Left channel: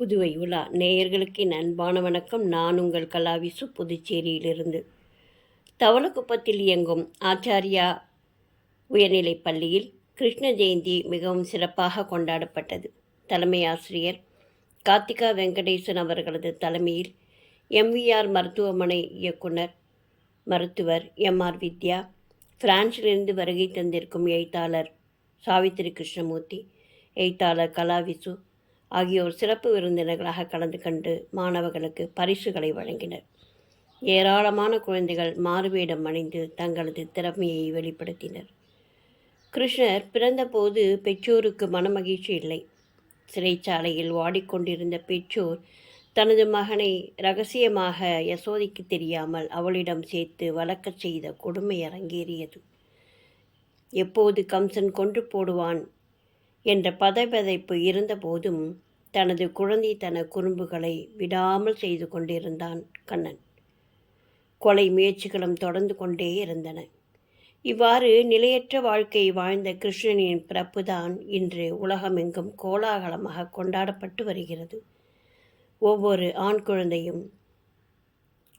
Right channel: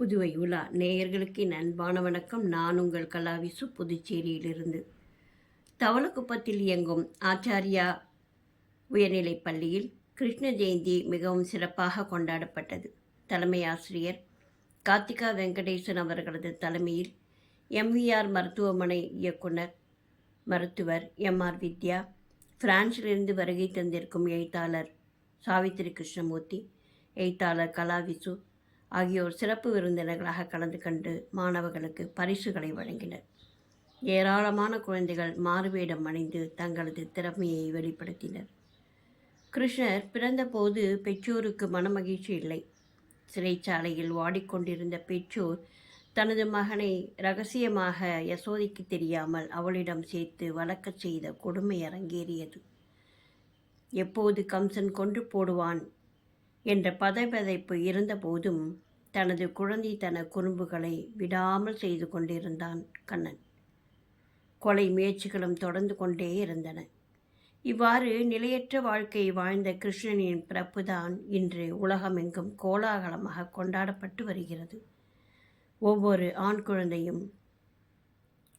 புதுவை உலா. நேயர்களுக்கு அன்பான வணக்கம். நான் உங்கள் கலாவிசு புதுச்சேரியிலிருந்து. தவளக்குப்பத்தில் இயங்கும் ஆச்சாரியா உயர்நிலைப் பள்ளியில் கிருஷ்ண ஜெயந்தி மிகவும் சிறப்பாக கொண்டாடப்பட்டது. தலைமை ஆசிரியர் கார்த்திகா வெங்கடேசன் அவர்களது தலைமையில் எம்விஆர் மருத்துவமனை இயக்குனர் மருத்துவர் எம்ஆர் வித்யா பிரான்சிலிருந்து வருகை தந்திருக்கும் எழுத்தாளர் சாவித்திரி கிருஷ்ணமூர்த்தி எழுத்தாளர் கலாவிசு ஆகியோர் சிறப்பு விருந்தினர்களாக கலந்து கண்டு மாணவர்களுக்கு பரிசுகளை வழங்கினர். ஏராளமான குழந்தைகள் மாறுவேடம் அணிந்து தங்களது திறமையை வெளிப்படுத்தினர். கிருஷ்ணர் பிறந்தபோது பெற்றோருக்கு மனமகிழ்ச்சி இல்லை. சிறைச்சாலையில் வாடிக்கொண்டிருந்த பெற்றோர் தனது மகனை ரகசியமாக யசோதைக்கு தெரியாமல் அவளிடம் சேர்த்து வளர்க்கச் செய்த கொடுமை அரங்கேறியது எப்போது கம்சன் கொன்று போடுவான் என்ற பதைபதைப்பு இருந்தபோதும் தனது குழந்தைத்தன குறும்புகளை விடாமல் செய்து கொண்டிருந்தான் கண்ணன். கொலை முயற்சிகளும் தொடர்ந்து கொண்டே இருந்தன. இவ்வாறு நிலையற்ற வாழ்க்கை வாழ்ந்த கிருஷ்ணனின் பிறப்புதான் இன்று உலகமெங்கும் கோலாகலமாக கொண்டாடப்பட்டு வருகிறது. ஒவ்வொரு ஆண் குழந்தையும்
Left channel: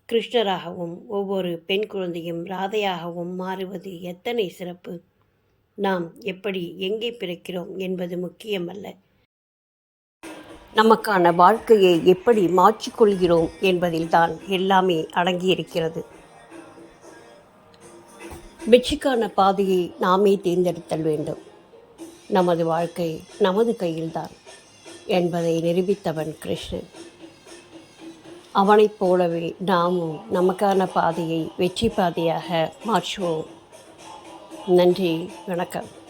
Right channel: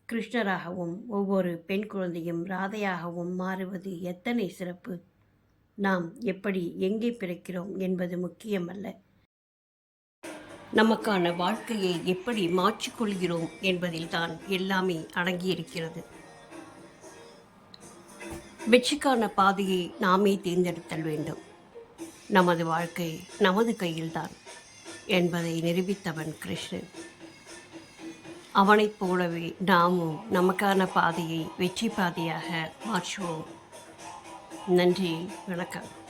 கிருஷ்ணராகவும் ஒவ்வொரு பெண் குழந்தையும் ராதையாகவும் மாறுவது எத்தனை சிறப்பு? நாம் எப்படி எங்கே பிறக்கிறோம் என்பது முக்கியமல்ல. நமக்கான வாழ்க்கையை எப்படி மாற்றிக்கொள்கிறோம் என்பதில்தான் எல்லாமே அடங்கியிருக்கிறது. வெற்றிக்கான பாதையை நாமே தேர்ந்தெடுத்தல் வேண்டும். நமது வாழ்க்கை நமது கையில்தான் என்பதை நிரூபித்தவன் கிருஷ்ணன். அவனைப் போலவே நாமும் நமக்கான பாதையை வெற்றி பாதையாக மாற்றுவோம். நன்றி வணக்கம்.